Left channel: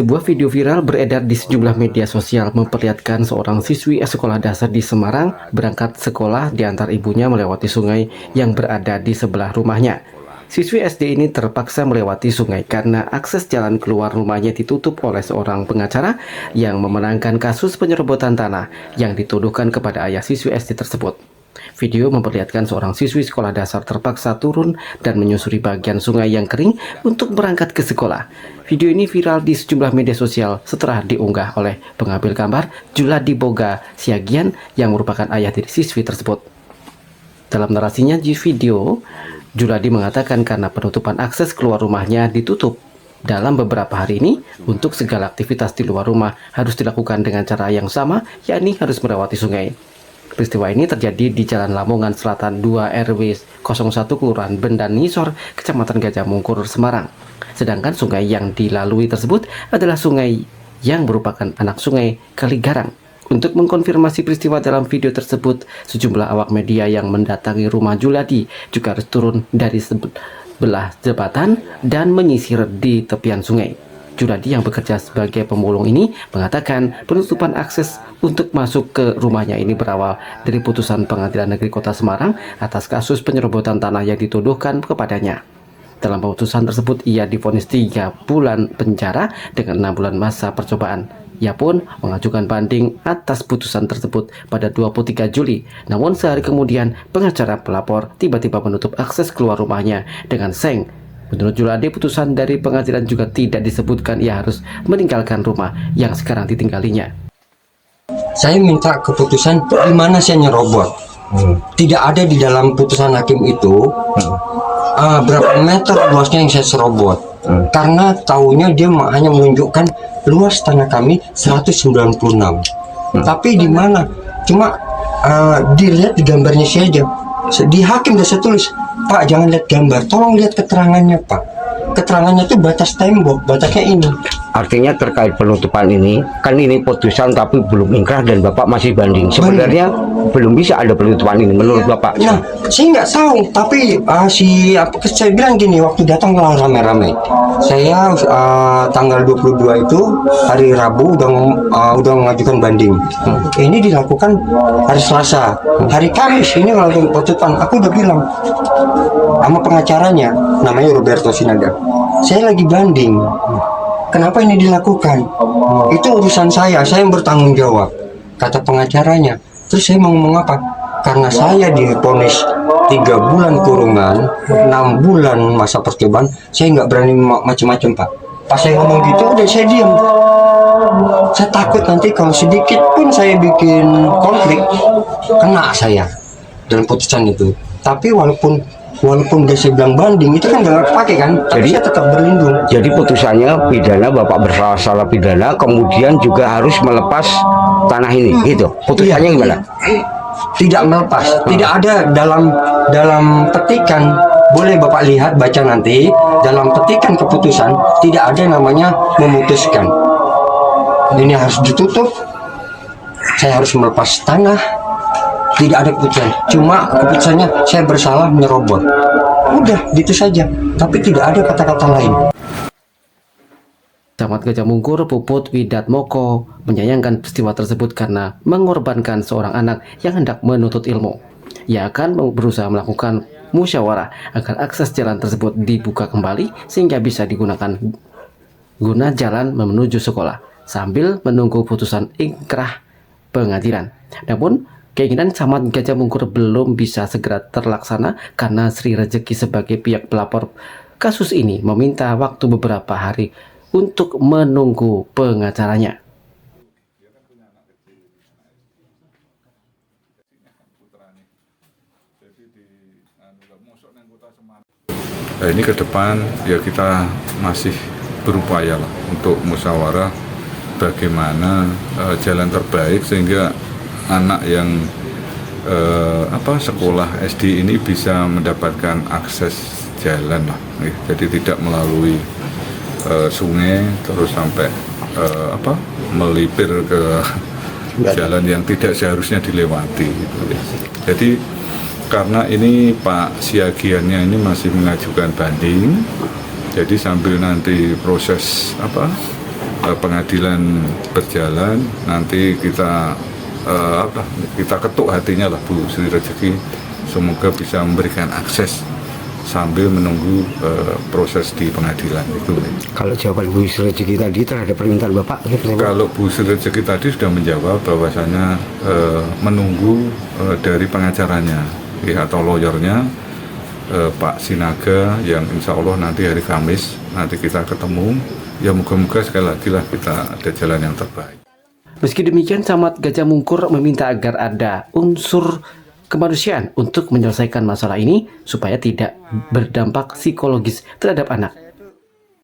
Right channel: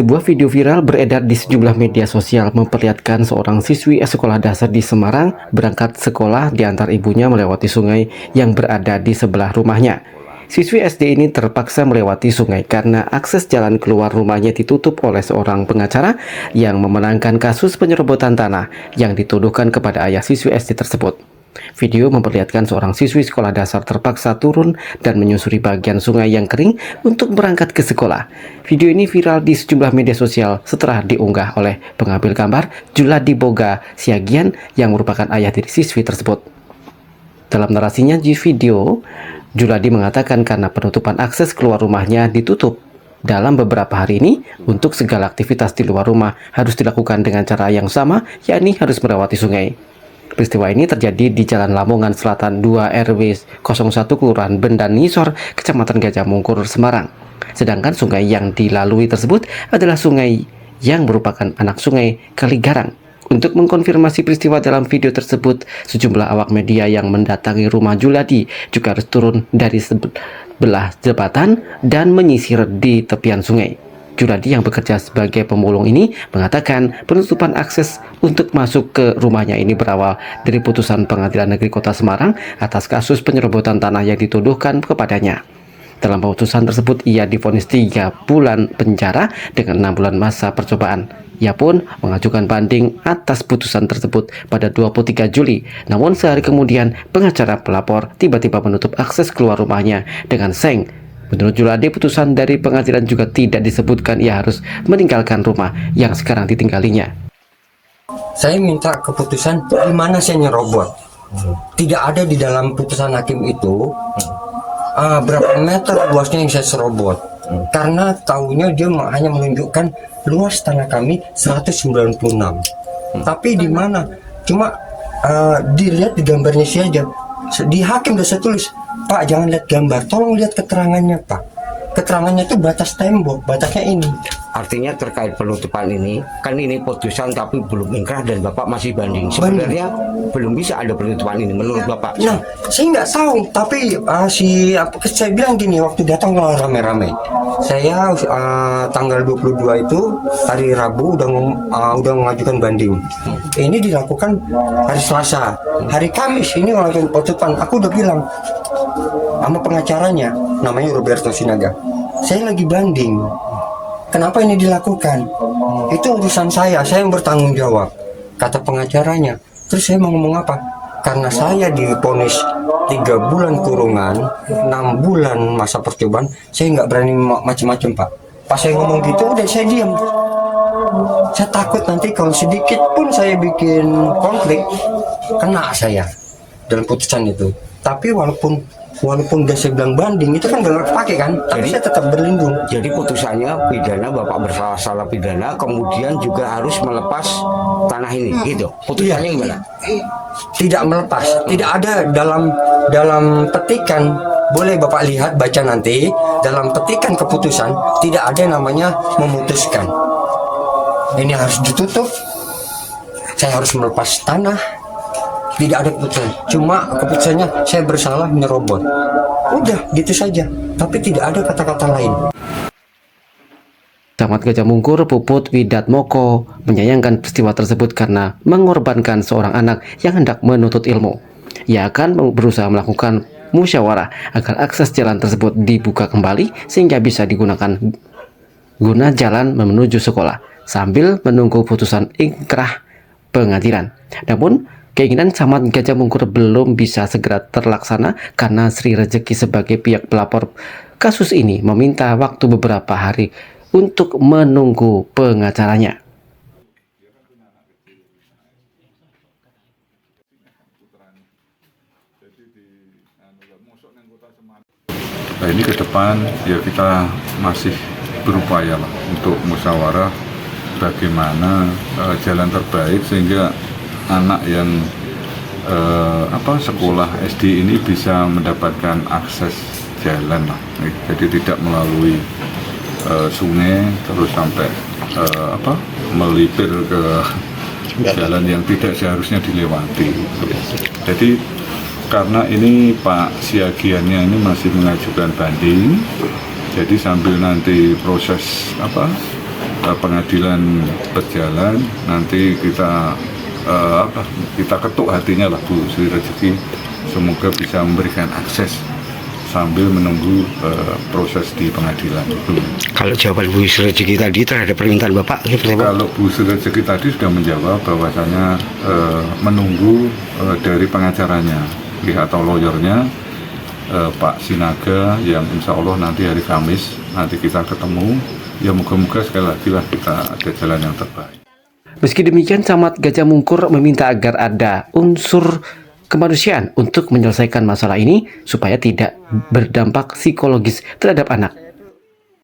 Sebuah video viral beredar di sejumlah media sosial memperlihatkan seorang siswi sekolah dasar di Semarang berangkat sekolah diantar ibunya melewati sungai yang berada di sebelah rumahnya. Siswi SD ini terpaksa melewati sungai karena akses jalan keluar rumahnya ditutup oleh seorang pengacara yang memenangkan kasus penyerobotan tanah yang dituduhkan kepada ayah siswi SD tersebut. Video memperlihatkan seorang siswi sekolah dasar terpaksa turun dan menyusuri bagian sungai yang kering untuk berangkat ke sekolah. Video ini viral di sejumlah media sosial setelah diunggah oleh pengambil gambar Juladi Boga Siagian yang merupakan ayah dari siswi tersebut. Dalam narasinya di video, Juladi mengatakan karena penutupan akses keluar rumahnya ditutup dalam beberapa hari ini, untuk segala aktivitas di luar rumah harus dilakukan dengan cara yang sama, yakni harus melewati sungai. Peristiwa ini terjadi di Jalan Lamongan Selatan 2 RW 01 Kelurahan Bendan Ngisor, Kecamatan Gajah Mungkur, Semarang. Sedangkan sungai yang dilalui tersebut adalah sungai yang merupakan anak sungai Kaligarang. Untuk mengkonfirmasi peristiwa dalam video tersebut, sejumlah awak media yang mendatangi rumah Juladi juga harus turun dari sebelah jembatan dan menyisir di tepian sungai. Juladi yang bekerja sebagai pemulung ini mengatakan penutupan akses untuk masuk ke rumahnya ini berawal dari putusan Pengadilan Negeri Kota Semarang atas kasus penyerobotan tanah yang dituduhkan kepadanya. Dalam putusan tersebut, ia divonis 3 bulan penjara dengan 6 bulan masa percobaan. Ia pun mengajukan banding atas putusan tersebut pada 23 Juli. Namun sehari kemudian, pengacara pelapor tiba-tiba menutup akses keluar rumahnya dengan seng. Menurut Juladi, putusan dari pengadilan juga tidak disebutkan ia harus meninggalkan rumah yang sekarang ditinggalinya. Saya minta keputusan di mana saya nyerobot. Tidak ada di dalam putusan hakim itu berapa meter luasnya yang saya serobot. Karena tahunya dia hanya menunjukkan luas tanah kami 196. Tapi di mana? Cuma dilihat di gambarnya saja. Di hakim sudah saya tulis, Pak, jangan lihat gambar, tolong lihat keterangannya, Pak. Keterangannya itu batas tembok, batasnya ini. Artinya terkait penutupan ini, kan ini putusan tapi belum ingkrah dan Bapak masih banding. Sebenarnya belum bisa ada penutupan ini menurut Bapak. Nah, saya nggak tahu, tapi saya bilang gini, waktu datang lah rame-rame. Saya tanggal 22 itu hari Rabu udah mengajukan banding. Ini dilakukan hari Selasa, hari Kamis ini langsung putusan. Aku udah bilang sama pengacaranya, namanya Roberto Sinaga, saya lagi banding. Kenapa ini dilakukan? Itu urusan saya yang bertanggung jawab, kata pengacaranya. Terus saya mau ngomong apa? Karena saya divonis 3 bulan kurungan, 6 bulan masa percobaan, saya nggak berani macam-macam, Pak. Pas saya ngomong gitu, udah saya diam. Saya takut nanti kalau sedikit pun saya bikin konflik, kena saya dalam putusan itu. Tapi walaupun udah saya bilang banding, itu kan nggak pakai kan, jadi saya tetap berlindung. Jadi putusannya pidana, Bapak bersalah pidana, kemudian juga harus melepas tanah ini, gitu. Putusannya gimana? Tidak melepas, tidak ada dalam petikan. Boleh Bapak lihat, baca nanti dalam petikan keputusan tidak ada namanya memutuskan. Ini harus ditutup. Saya harus melepas tanah. Tidak ada keputusan, cuma keputusannya saya bersalah menyerobot. Udah gitu saja, tapi tidak ada kata-kata lain. Camat Gajah Mungkur Puput Widatmoko menyayangkan peristiwa tersebut karena mengorbankan seorang anak yang hendak menuntut ilmu. Ia akan berusaha melakukan musyawarah agar akses jalan tersebut dibuka kembali sehingga bisa digunakan guna jalan menuju sekolah sambil menunggu putusan ingkrah pengadilan. Namun keinginan Camat Gajah Mungkur belum bisa segera terlaksana karena Sri Rezeki sebagai pihak pelapor kasus ini meminta waktu beberapa hari untuk menunggu pengacaranya. Nah, ini ke depan ya kita masih berupaya lah untuk musyawarah bagaimana jalan terbaik sehingga anak yang sekolah SD ini bisa mendapatkan akses jalan lah. Jadi tidak melalui sungai terus sampai melipir ke jalan yang tidak seharusnya dilewati. Jadi karena ini Pak Siagiannya ini masih mengajukan banding, jadi sambil nanti proses pengadilan berjalan, nanti kita kita ketuk hatinya lah Bu Sri Rezeki, semoga bisa memberikan akses sambil menunggu proses di pengadilan. Kalau jawaban Bu Sri Rezeki tadi terhadap permintaan Bapak seperti apa? Kalau Bu Sri Rezeki tadi sudah menjawab bahwasanya menunggu dari pengacaranya atau lawyernya, Pak Sinaga, yang insya Allah nanti hari Kamis nanti kita ketemu. Ya moga-moga sekali lagi lah kita ada jalan yang terbaik. Meski demikian, Camat Gajah Mungkur meminta agar ada unsur kemanusiaan untuk menyelesaikan masalah ini supaya tidak berdampak psikologis terhadap anak.